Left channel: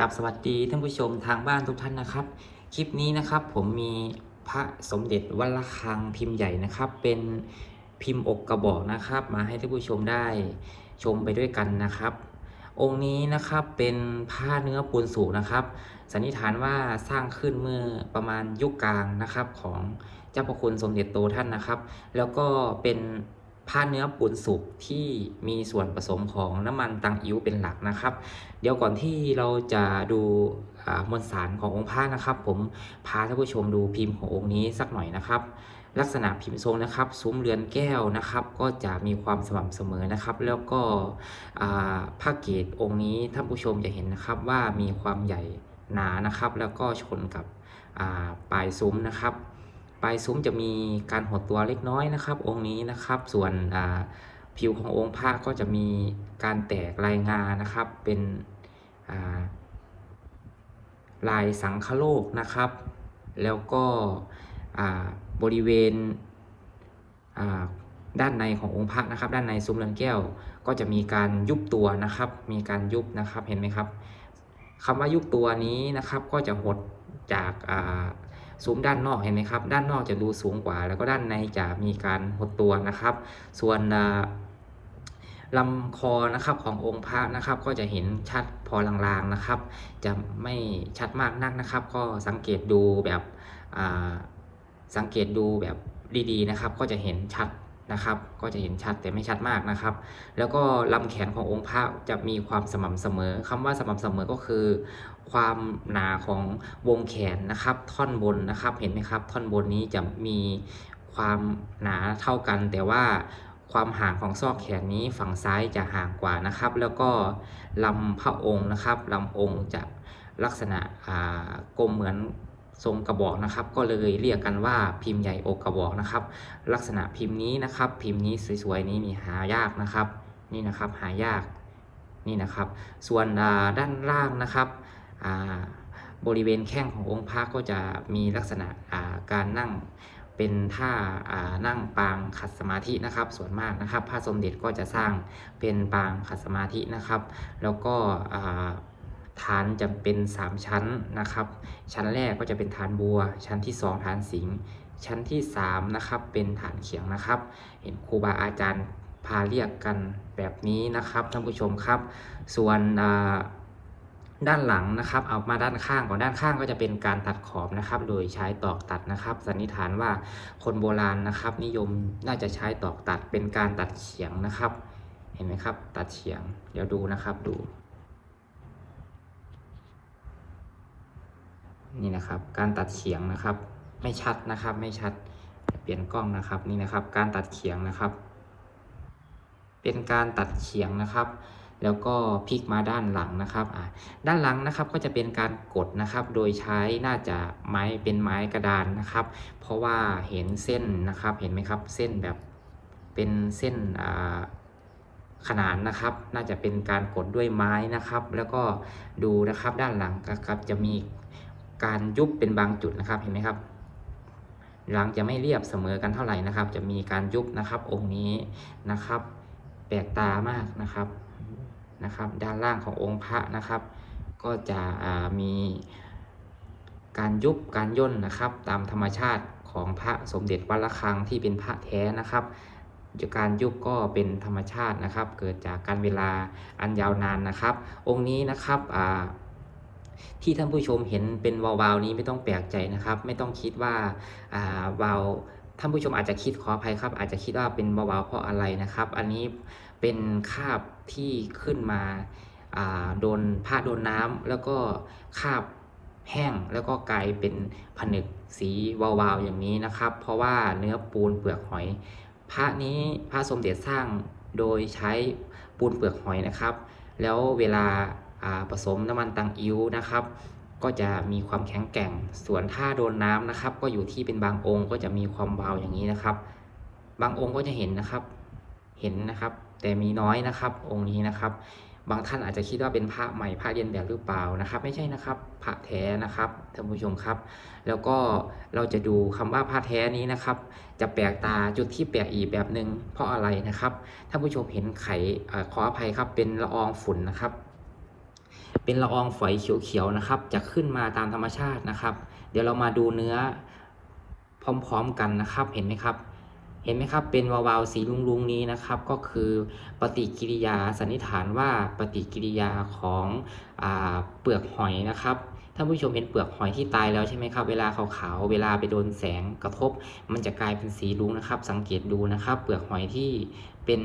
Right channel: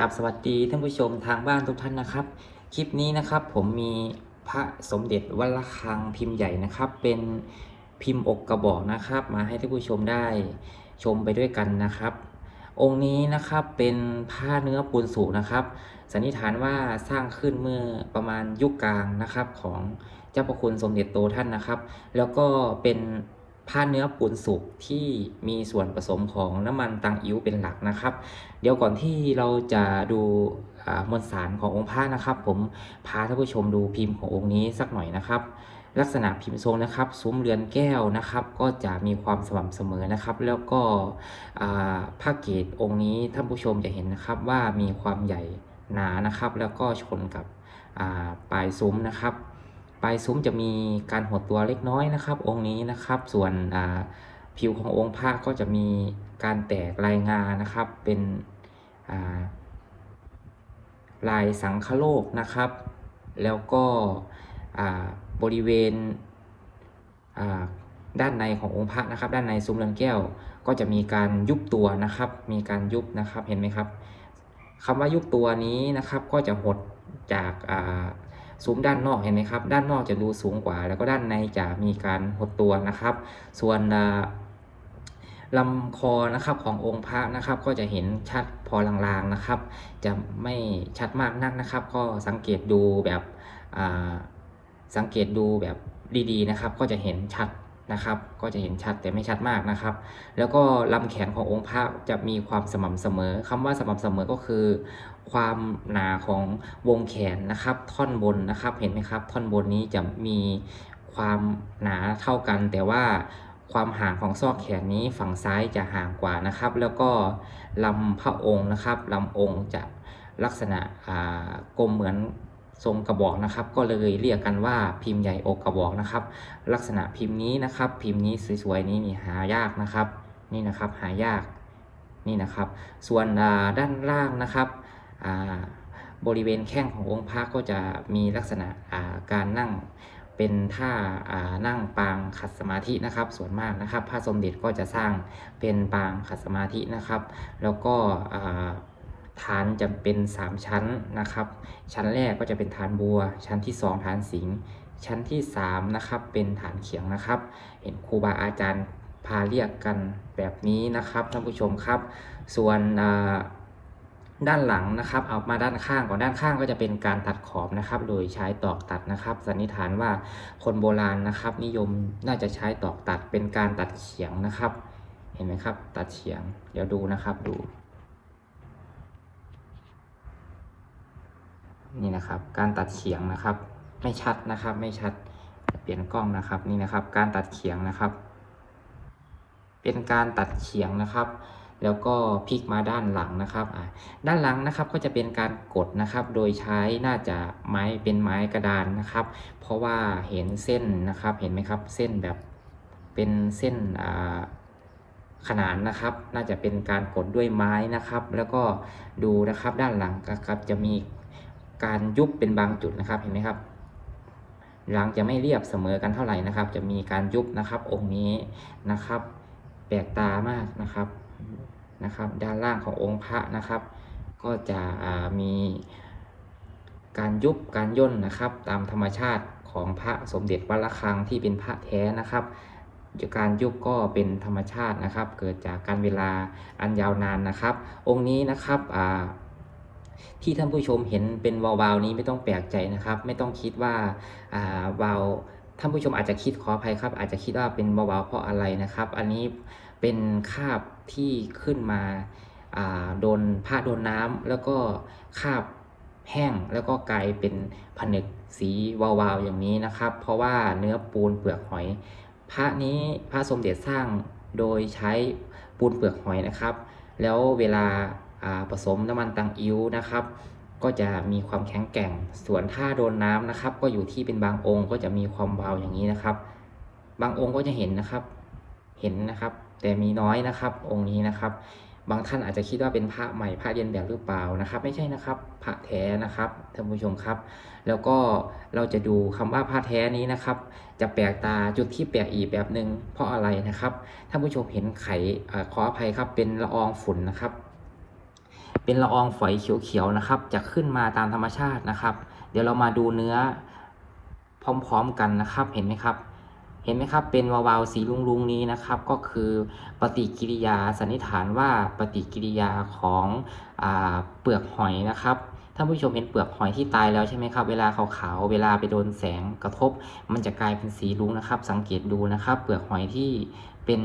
กับสวัสดีท่านผู้ชมทางบ้านทุกท่านนะครับ คลิปนี้นะครับผมมีพระสมเด็จวัดระฆังพิมพ์ใหญ่นะครับ เป็นพิมพ์อกกระบอกนะครับ มาให้ท่านผู้ชมได้ชมไปด้วยกันนะครับ องค์นี้นะครับเป็นผ้าเนื้อปูนสูงนะครับ สันนิษฐานว่าสร้างขึ้นเมื่อประมาณยุคกลางนะครับของเจ้าพระคุณสมเด็จโตท่านนะครับ แล้วก็เป็น ผ้าเนื้อปูนสุกที่มีส่วนผสมของน้ำมันตังอิ้วเป็นหลักนะครับ เดี๋ยวก่อนที่เราจะดูมวลสารขององค์พระนะครับ ผมพาท่านผู้ชมดูพิมพ์ขององค์นี้สักหน่อยนะครับ ลักษณะพิมพ์ทรงนะครับซุ้มเรือนแก้วนะครับ ก็จะมีความสม่ำเสมอนะครับ แล้วก็ผ้าเกตองค์นี้ท่านผู้ชมจะเห็นนะครับว่ามีความใหญ่หนานะครับ แล้วก็ชนกับปลายซุ้มนะครับ ปลายซุ้มจะมีการหดตัวเล็กน้อยนะครับ องค์นี้นะครับ ส่วนผิวขององค์พระก็จะมีการแตกลายงานะครับ เป็นาลายสังคโลกนะครับ แล้วก็บริเวณด้านในขององค์พระนะครับ ด้านในซุ้มเรือนแก้ว ก็จะมีการยุบตัวนะครับ มีการยุบนะครับเห็นไหมครับคำว่ายุบตัวนี้นะครับก็จะหดจาก ซูมด้านนอกเห็นไหมครับ ด้านนอกจะดูสูงกว่า แล้วก็ด้านในจะมีการหดตัวนะครับ ส่วนลำคอนะครับขององค์พระนะครับ ก็จะเห็นชัดพอลางๆนะครับ จะไม่ชัดมากนักนะครับ ก็สังเกตดูแบบอ่าสังเกตดูแบบดีๆนะครับ ก็จะเห็นชัด นะครับ ก็จะเห็นชัดแต่ไม่ชัดมากนะครับ แล้วก็ลำแขนขององค์พระจะมีความสม่ำเสมอคำว่าสม่ำเสมอก็คือ ความหนาของวงแขนนะครับ ท่อนบนนะครับเห็นไหมครับ ท่อนบนนี้จะมีความหนาเท่ากัน แต่ว่าความห่างของซอกแขนนี้ฝั่งซ้ายจะห่างกว่านะครับ แล้วก็ลำพระองค์นะครับลำองค์จะลักษณะกลมเหมือน ทรงกระบอกนะครับ ก็เลยเรียกกันว่าพิมพ์ใหญ่อกกระบอกนะครับ ลักษณะพิมพ์นี้นะครับ พิมพ์นี้สวยๆนี้มีหายากนะครับ นี่นะครับหายากนี่นะครับ ส่วนด้านล่างนะครับบริเวณแข้งขององค์พระก็จะมีลักษณะการนั่งเป็นท่านั่งปางขัดสมาธินะครับ ส่วนมากนะครับ พระสมเด็จก็จะสร้างเป็นปางขัดสมาธินะครับ แล้วก็ ฐานจะเป็น 3 ชั้นนะครับ ชั้นแรกก็จะเป็นฐานบัว ชั้นที่ 2 ฐานสิงชั้นที่3นะครับเป็นฐานเขียงนะครับ เห็นครูบาอาจารย์พาเรียกกันแบบนี้นะครับท่านผู้ชมครับ ส่วนด้านหลังนะครับเอามาด้านข้างก่อนด้านข้างก็จะเป็นการตัดขอบนะครับ โดยใช้ตอกตัดนะครับ สันนิษฐานว่าคนโบราณนะครับ นิยมน่าจะใช้ตอกตัดเป็นการตัดเฉียงนะครับ เห็นไหมครับ ตัดเฉียง เดี๋ยวดูนะครับดู นี่นะครับ การตัดเฉียงนะครับ ไม่ชัดนะครับ ไม่ชัด เปลี่ยนกล้องนะครับนี่นะครับ การตัดเฉียงนะครับ เป็นการตัดเฉียงนะครับ แล้วก็พลิกมาด้านหลังนะครับด้านหลังนะครับก็จะเป็นการกดนะครับ โดยใช้น่าจะไม้เป็นไม้กระดานนะครับ เพราะว่าเห็นเส้นนะครับ เห็นไหมครับ เส้นแบบเป็นเส้นอ่าขนานนะครับ น่าจะเป็นการกดด้วยไม้นะครับ แล้วก็ดูนะครับด้านหลังนะครับจะมี การยุบเป็นบางจุดนะครับเห็นไหมครับหลังจะไม่เรียบเสมอกันเท่าไหร่นะครับ จะมีการยุบนะครับ องค์นี้นะครับ แปลกตามากนะครับนะครับ ด้านล่างขององค์พระนะครับ ก็จะมีการยุบการย่นนะครับ ตามธรรมชาติของพระสมเด็จวัดระฆังที่เป็นพระแท้นะครับการยุบก็เป็นธรรมชาตินะครับ เกิดจากการเวลาอันยาวนานนะครับ องค์นี้นะครับอ่า ที่ท่านผู้ชมเห็นเป็นวาวๆนี้ไม่ต้องแปลกใจนะครับ ไม่ต้องคิดว่าอ่าวาวท่านผู้ชมอาจจะคิดขออภัยครับ อาจจะคิดว่าเป็นวาวๆเพราะอะไรนะครับ อันนี้เป็นคาบที่ขึ้นมาโดนผ้าโดนน้ำแล้วก็คาบแห้งแล้วก็กลายเป็นผนึกสีวาวๆอย่างนี้นะครับ เพราะว่าเนื้อปูนเปลือกหอย พระนี้พระสมเด็จสร้างโดยใช้ปูนเปลือกหอยนะครับ แล้วเวลา ผสมน้ำมันตังอิ้วนะครับ ก็จะมีความแข็งแกร่ง ส่วนถ้าโดนน้ำนะครับ ก็อยู่ที่เป็นบางองค์ก็จะมีความเบาอย่างนี้นะครับ บางองค์ก็จะเห็นนะครับ เห็นนะครับ แต่มีน้อยนะครับ องค์นี้นะครับ บางท่านอาจจะคิดว่าเป็นพระใหม่พระเรียนแบบหรือเปล่านะครับ ไม่ใช่นะครับ พระแท้นะครับท่านผู้ชมครับ แล้วก็เราจะดูคำว่าพระแท้นี้นะครับ จะแปลกตาจุดที่แปลกอีกแบบหนึ่งเพราะอะไรนะครับท่านผู้ชมเห็นไข่ขออภัยครับเป็นละอองฝุ่นนะครับ เป็นละอองฝอยเขียวๆนะครับ จะขึ้นมาตามธรรมชาตินะครับ เดี๋ยวเรามาดูเนื้อพร้อมๆกันนะครับ เห็นไหมครับ เห็นไหมครับ เป็นวาวๆสีลุงๆนี้นะครับ ก็คือปฏิกิริยาสันนิษฐานว่าปฏิกิริยาของอเปลือกหอยนะครับท่านผู้ชมเห็นเปลือกหอยที่ตายแล้วใช่ไหมครับ เวลาขาวๆ เวลาไปโดนแสงกระทบ มันจะกลายเป็นสีรุ้งนะครับ สังเกตดูนะครับ เปลือกหอยที่เป็น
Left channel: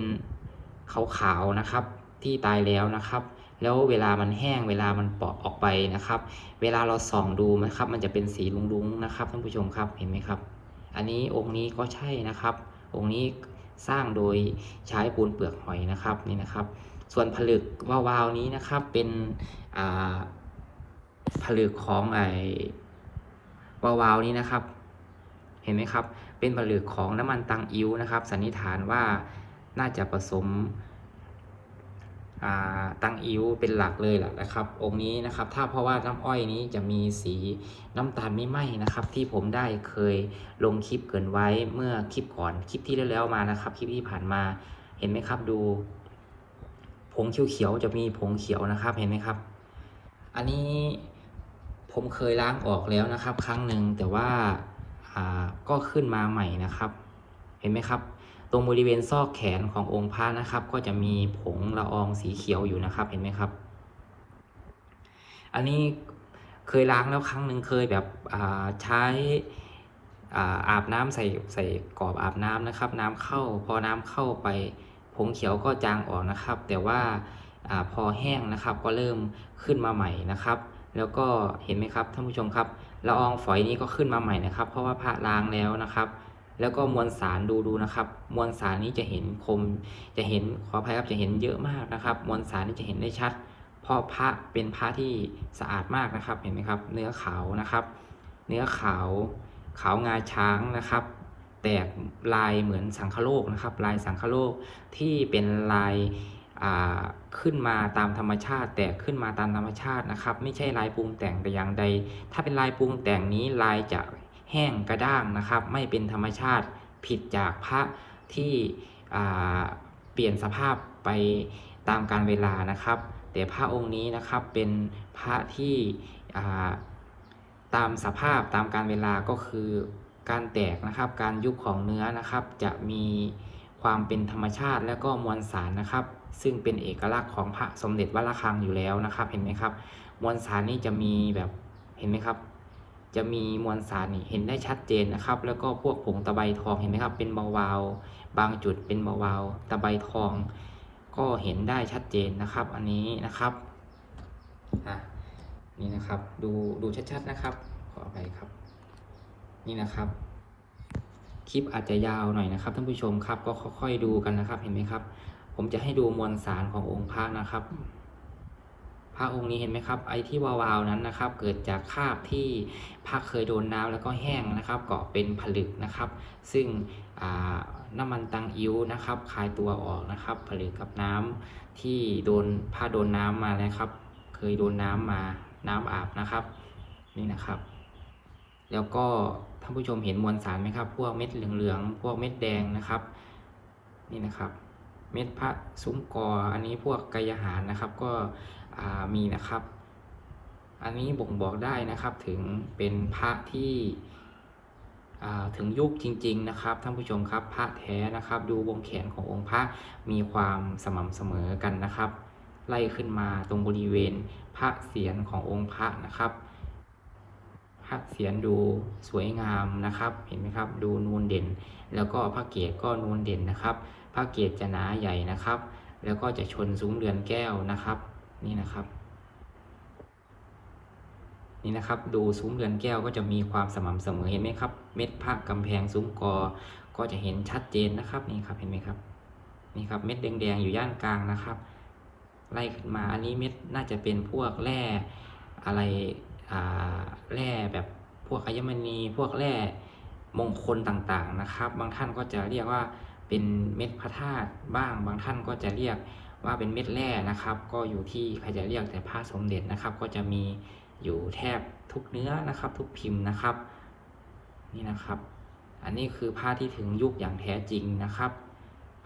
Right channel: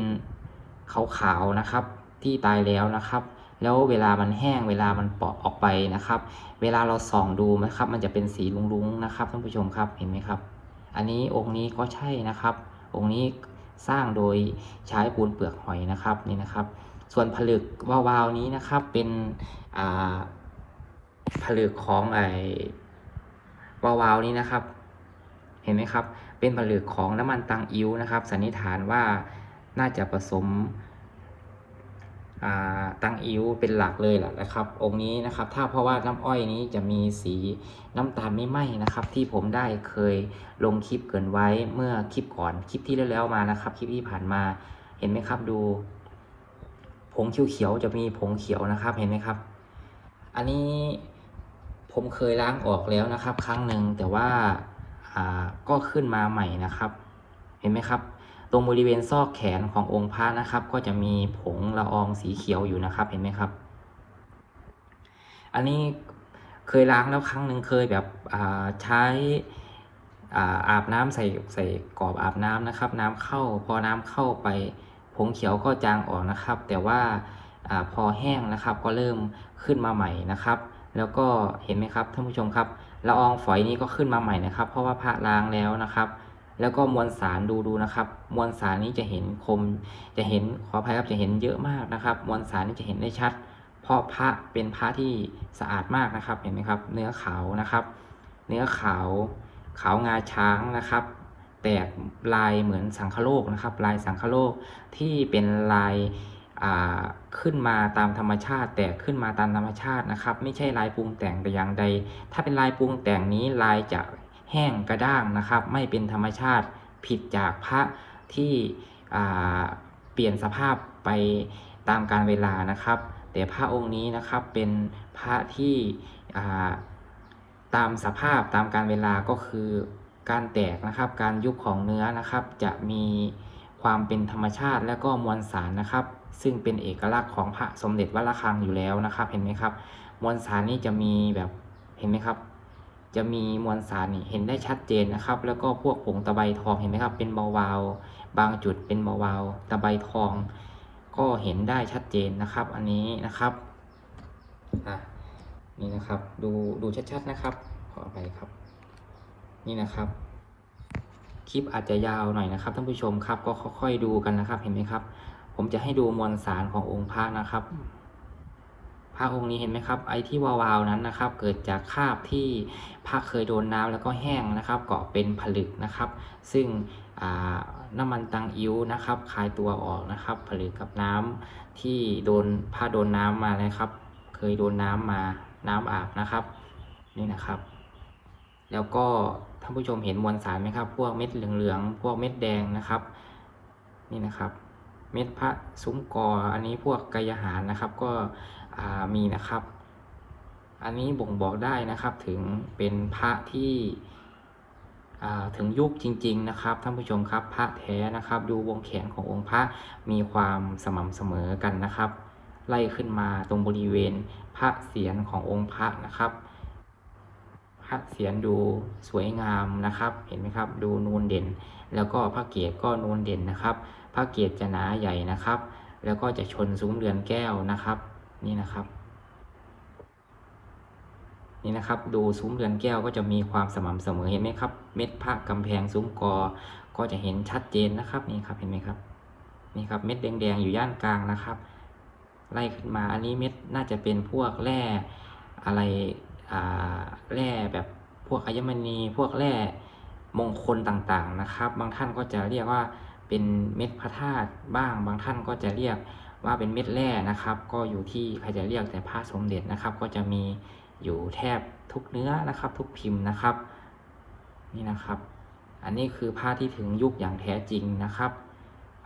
ขาวๆนะครับ ที่ตายแล้วนะครับ แล้วเวลามันแห้งเวลามันเปาะออกไปนะครับ เวลาเราส่องดูนะครับ มันจะเป็นสีรุ้งๆนะครับท่านผู้ชมครับเห็นไหมครับ อันนี้องค์นี้ก็ใช่นะครับ องค์นี้สร้างโดยใช้ปูนเปลือกหอยนะครับนี่นะครับ ส่วนผลึกวาวๆนี้นะครับเป็นผลึกของไอวาวๆนี้นะครับ เห็นไหมครับ เป็นผลึกของน้ำมันตังอิ้วนะครับ สันนิษฐานว่าน่าจะผสม ตั้งอิ้วเป็นหลักเลยแหละนะครับ องค์นี้นะครับถ้าเพราะว่าน้ำอ้อยนี้จะมีสีน้ำตาลไม่ไหม้นะครับ ที่ผมได้เคยลงคลิปเกินไว้เมื่อคลิปก่อนคลิปที่แล้วมานะครับ คลิปที่ผ่านมาเห็นไหมครับดู ผงเขียวๆจะมีผงเขียวนะครับเห็นไหมครับ อันนี้ผมเคยล้างออกแล้วนะครับ ครั้งหนึ่งแต่ว่าก็ขึ้นมาใหม่นะครับ เห็นไหมครับ ตรงบริเวณซอกแขนขององค์พระนะครับ ก็จะมีผงละอองสีเขียวอยู่นะครับเห็นไหมครับ อันนี้เคยล้างแล้วครั้งหนึ่งเคยแบบใช้อาบน้ำใส่ใส่กรอบอาบน้ำนะครับ น้ำเข้าพอน้ำเข้าไปผงเขียวก็จางออกนะครับ แต่ว่าอพอแห้งนะครับก็เริ่มขึ้นมาใหม่นะครับ แล้วก็เห็นไหมครับท่านผู้ชมครับละอองฝอยนี้ก็ขึ้นมาใหม่นะครับ เพราะว่าพระล้างแล้วนะครับ แล้วก็มวลสารดูดูนะครับ มวลสารนี้จะเห็นคม จะเห็นขออภัยครับจะเห็นเยอะมากนะครับ มวลสารนี้จะเห็นได้ชัด เพราะพระเป็นพระที่สะอาดมากนะครับเห็นไหมครับ เนื้อขาวนะครับ เนื้อขาวขาวงาช้างนะครับ แตกลายเหมือนสังคโลกนะครับ ลายสังคโลกที่เป็นลายขึ้นมาตามธรรมชาติ แตกขึ้นมาตามธรรมชาตินะครับ ไม่ใช่ลายปรุงแต่งแต่อย่างใด ถ้าเป็นลายปรุงแต่งนี้ลายจะ แห้งกระด้างนะครับ ไม่เป็นธรรมชาติผิดจากพระที่เปลี่ยนสภาพไปตามการเวลานะครับ แต่พระองค์นี้นะครับเป็นพระที่ตามสภาพตามการเวลาก็คือการแตกนะครับ การยุบของเนื้อนะครับ จะมีความเป็นธรรมชาติและก็มวลสารนะครับ ซึ่งเป็นเอกลักษณ์ของพระสมเด็จวัดระฆังอยู่แล้วนะครับ เห็นไหมครับ มวลสารนี่จะมีแบบเห็นไหมครับ จะมีมวลสารเห็นได้ชัดเจนนะครับ แล้วก็พวกผงตะไบทองเห็นไหมครับ เป็นเบาๆบางจุดเป็นเบาๆตะไบทอง ก็เห็นได้ชัดเจนนะครับ อันนี้นะครับนี่นะครับ ดูดูชัดๆนะครับ ขออภัยครับ นี่นะครับ คลิปอาจจะยาวหน่อยนะครับท่านผู้ชมครับ ก็ค่อยๆดูกันนะครับ เห็นไหมครับ ผมจะให้ดูมวลสารขององค์พระนะครับ พระองค์นี้เห็นไหมครับ ไอ้ที่วาวๆนั้นนะครับ เกิดจากคราบที่พระเคยโดนน้ำแล้วก็แห้งนะครับ เกาะเป็นผลึกนะครับ ซึ่งน้ำมันตังอิ้วนะครับคลายตัวออกนะครับ ผลึกกับน้ำที่โดนผ้าโดนน้ำมานะครับ เคยโดนน้ำมาน้ำอาบนะครับ นี่นะครับ แล้วก็ท่านผู้ชมเห็นมวลสารไหมครับ พวกเม็ดเหลืองๆพวกเม็ดแดงนะครับ นี่นะครับ เม็ดพระซุ้มกออันนี้พวกกายหารนะครับ ก็ มีนะครับ อันนี้บ่งบอกได้นะครับถึงเป็นพระที่ถึงยุคจริง ๆ นะครับท่านผู้ชมครับพระแท้นะครับ ดูวงแขนขององค์พระมีความสม่ำเสมอกันนะครับ ไล่ขึ้นมาตรงบริเวณพระเศียรขององค์พระนะครับ พระเศียรดูสวยงามนะครับ เห็นไหมครับ ดูนูนเด่น แล้วก็พระเกศก็นูนเด่นนะครับ พระเกศจะหนาใหญ่นะครับ แล้วก็จะชนซุ้มเรือนแก้วนะครับ นี่นะครับ นี่นะครับ ดูซุ้มเรือนแก้วก็จะมีความสม่ำเสมอเห็นไหมครับ เม็ดพระกำแพงซุ้มกอ ก็จะเห็นชัดเจนนะครับนี่ครับเห็นไหมครับ นี่ครับเม็ดแดงๆอยู่ย่านกลางนะครับไล่ขึ้นมาอันนี้เม็ดน่าจะเป็นพวกแร่อะไรอ่าแร่แบบพวกอัญมณีพวกแร่มงคลต่างๆนะครับ บางท่านก็จะเรียกว่าเป็นเม็ดพระธาตุบ้าง บางท่านก็จะเรียก ว่าเป็นเม็ดแร่นะครับ ก็อยู่ที่ใครจะเรียกแต่พระสมเด็จนะครับ ก็จะมีอยู่แทบทุกเนื้อนะครับ ทุกพิมพ์นะครับ นี่นะครับ อันนี้คือผ้าที่ถึงยุคอย่างแท้จริงนะครับ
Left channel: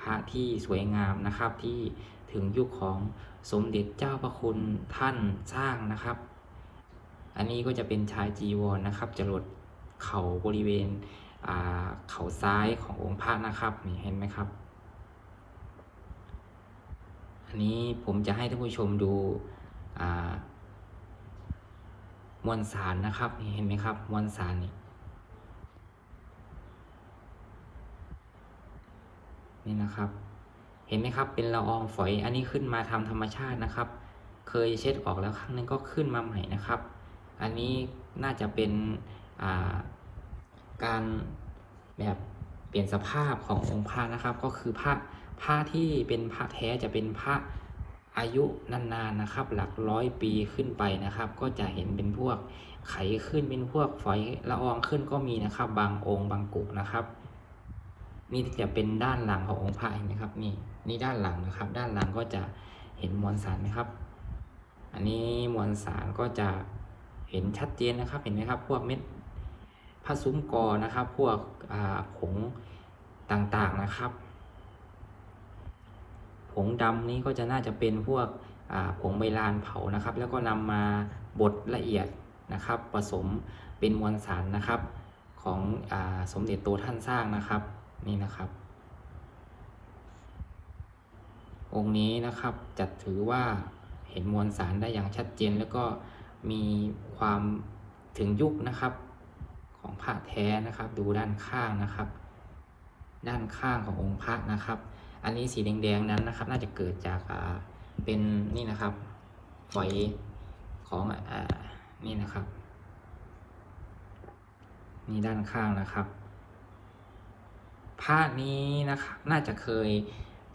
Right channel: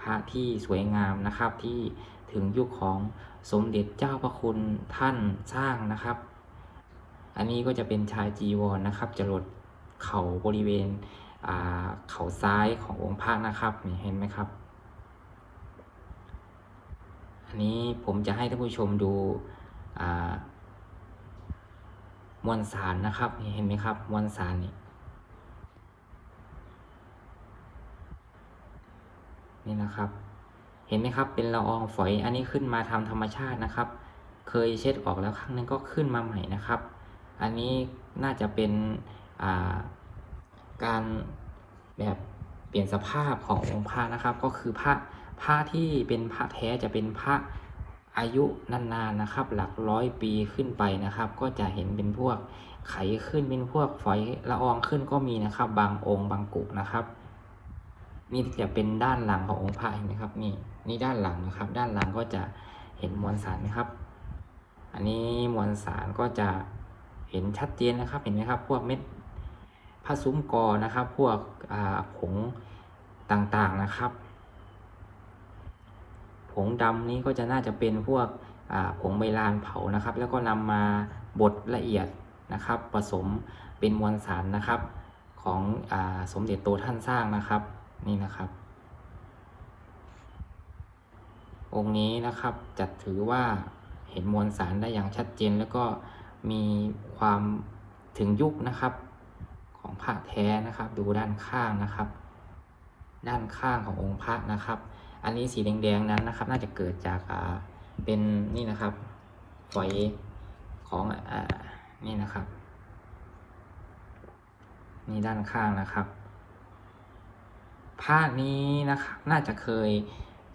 พระที่สวยงามนะครับที่ถึงยุคของสมเด็จเจ้าพระคุณท่านสร้างนะครับ อันนี้ก็จะเป็นชายจีวรนะครับจรดเข่าบริเวณเข่าซ้ายขององค์พระนะครับนี่เห็นไหมครับ อันนี้ผมจะให้ท่านผู้ชมดูมวลสารนะครับเห็นไหมครับมวลสารนี่นี่นะครับ เห็นไหมครับเป็นละอองฝอยอันนี้ขึ้นมาทำธรรมชาตินะครับ เคยเช็ดออกแล้วครั้งหนึงก็ขึ้นมาใหม่นะครับ อันนี้น่าจะเป็นาการแบบเปลี่ยนสภาพขององค์พระนะครับ ก็คือพระ ผ้าที่เป็นพระแท้จะเป็นพระอายุนานๆนะครับ หลักร้อยปีขึ้นไปนะครับ ก็จะเห็นเป็นพวกไขขึ้นเป็นพวกฝอยละอองขึ้นก็มีนะครับ บางองค์บางกลุ่มนะครับ นี่จะเป็นด้านหลังขององค์พระเห็นไหมครับนี่นี่ด้านหลังนะครับ ด้านหลังก็จะเห็นมวลสารไหมครับ อันนี้มวลสารก็จะเห็นชัดเจนนะครับเห็นไหมครับ พวกเม็ดผ้าซุ้มกอนะครับ พวกผงต่างๆนะครับ ผงดำนี้ก็จะน่าจะเป็นพวกผงใบลานเผานะครับ แล้วก็นำมาบดละเอียดนะครับ ผสมเป็นมวลสารนะครับ ของอสมเด็จโตท่านสร้างนะครับนี่นะครับ องค์นี้นะครับจัดถือว่าเห็นมวลสารได้อย่างชัดเจน แล้วก็มีความถึงยุคนะครับของพระแท้นะครับ ดูด้านข้างนะครับ ด้านข้างขององค์พระนะครับ อันนี้สีแดงๆนั้นนะครับ น่าจะเกิดจากเป็นนี่นะครับฝอยของอนี่นะครับ นี่ด้านข้างนะครับผ้านี้นะครับ น่าจะเคย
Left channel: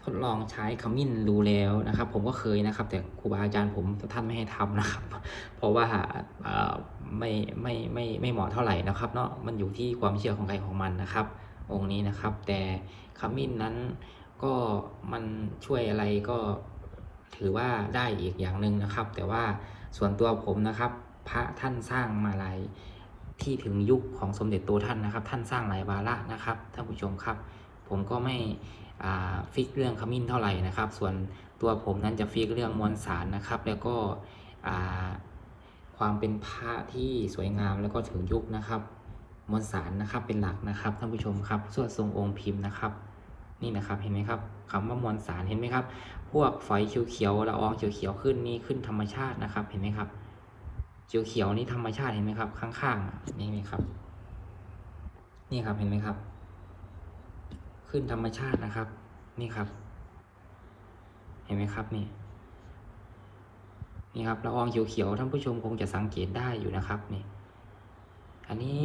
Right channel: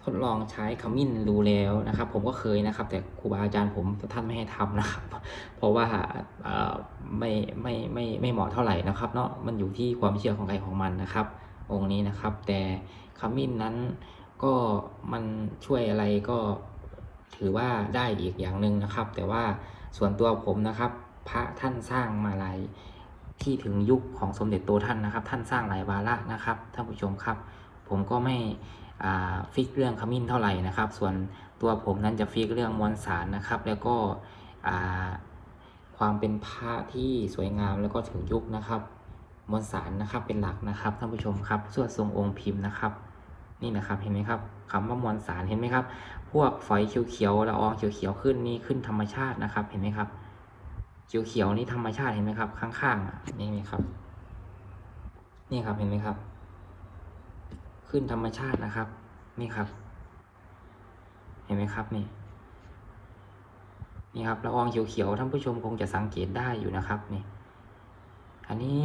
ทดลองใช้ขมิ้นดูแล้วนะครับ ผมก็เคยนะครับ แต่ครูบาอาจารย์ผมท่านไม่ให้ทำนะครับ เพราะว่าเอ่ไม่ไม่ไม่ไม่เหมาะเท่าไหร่นะครับ เนาะมันอยู่ที่ความเชื่อของใครของมันนะครับ องค์นี้นะครับ แต่ขมิ้นนั้น ก็มันช่วยอะไรก็ถือว่าได้อีกอย่างหนึ่งนะครับ แต่ว่าส่วนตัวผมนะครับ พระท่านสร้างมาหลายที่ถึงยุคของสมเด็จโตท่านนะครับ ท่านสร้างหลายวาระนะครับท่านผู้ชมครับ ผมก็ไม่ฟิกเรื่องขมิ้นเท่าไหร่นะครับ ส่วนตัวผมนั้นจะฟิกเรื่องมวลสารนะครับ แล้วก็ความเป็นพระที่สวยงามแล้วก็ถึงยุคนะครับมวลสารนะครับเป็นหลักนะครับท่านผู้ชมครับส่วนทรงองค์พิมพ์นะครับ นี่นะครับเห็นไหมครับคำว่ามวลสารเห็นไหมครับ พวกฝอยเขียวๆละอองเขียวๆขึ้นนี่ขึ้นธรรมชาตินะครับ เห็นไหมครับเขียวๆนี่ธรรมชาติเห็นไหมครับ ข้างๆอ่นี่ไหมครับ นี่ครับเห็นไหมครับ ขึ้นธรรมชาตินะครับ นี่ครับ เห็นไหมครับนี่นี่ครับละอองเขียวๆท่านผู้ชมคงจะสังเกตได้อยู่นะครับนี่ อันนี้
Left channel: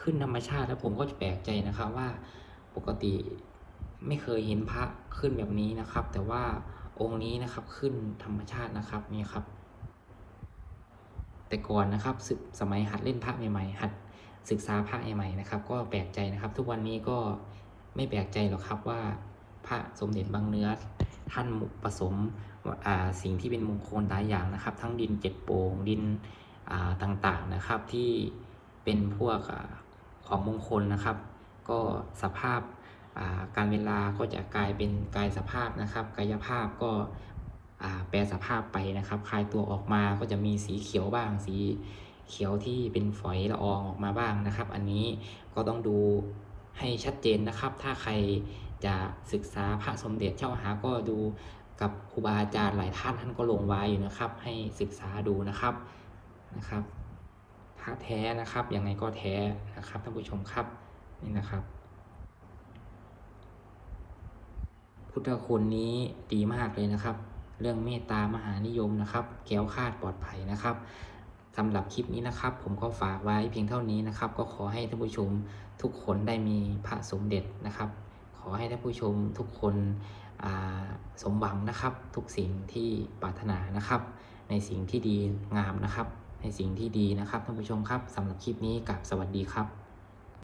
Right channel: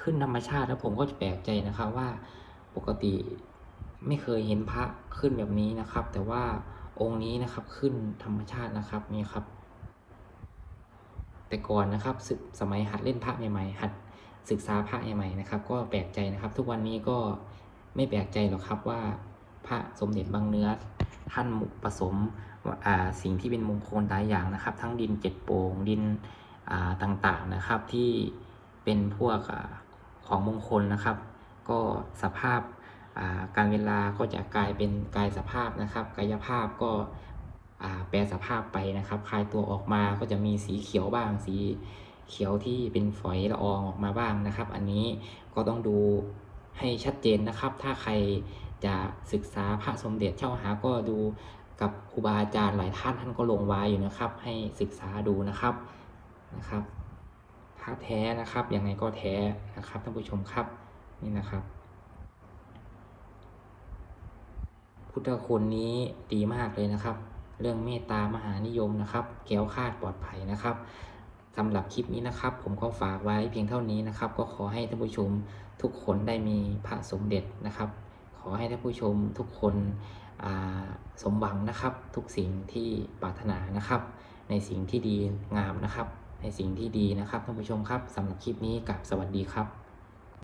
ขึ้นธรรมชาติแล้วผมก็จะแปลกใจนะครับว่าปกติ ไม่เคยเห็นพระขึ้นแบบนี้นะครับ แต่ว่าองค์นี้นะครับขึ้นธรรมชาตินะครับนี่ครับ แต่ก่อนนะครับศึกสมัยหัดเล่นพระใหม่ๆหัดศึกษาพระใหม่ๆนะครับ ก็แปลกใจนะครับ ทุกวันนี้ก็ไม่แปลกใจหรอกครับว่าพระสมเด็จบางเนื้อท่านผสมสิ่งที่เป็นมงคลหลายอย่างนะครับ ทั้งดินเจ็ดโปงดินต่างๆนะครับที่เป็นพวกอของมงคลนะครับ ก็สภาพ การเวลาก็จะกลายเป็นกายสภาพนะครับ กายภาพก็แปลสภาพไปนะครับ คลายตัวออกมาก็จะมีสีเขียวบ้าง สีเขียวที่เป็นฝอยละอองออกมาบ้างนะครับ อันนี้ก็ต้องดูให้ชัดเจนนะครับ ถ้าใครจะศึกษาพระสมเด็จเจ้าหาก็ดูกับครูบาอาจารย์หลายท่านท่านก็ลงไว้อยู่นะครับ ให้ศึกษาดูนะครับนะครับพระแท้นะครับยังไงก็แท้นะครับท่านผู้ชมครับนี่นะครับ พุทธคุณนี้ดีมากเลยนะครับ เรื่องเมตตามหานิยมนะครับแก้วคาดปลอดภัยนะครับสำหรับคลิปนี้นะครับ ผมก็ฝากไว้เพียงเท่านี้นะครับ ก็ขอให้ท่านผู้ชมทุกคนได้มีพระสมเด็จนะครับ ขอให้ท่านผู้ชมทุกคนสมหวังนะครับ ทุกสิ่งที่ปรารถนานะครับ ในสิ่งที่ดีงามนะครับ ในสิ่งที่ดีนะครับท่านผู้ชมครับสำหรับคลิปนี้กับสวัสดีครับ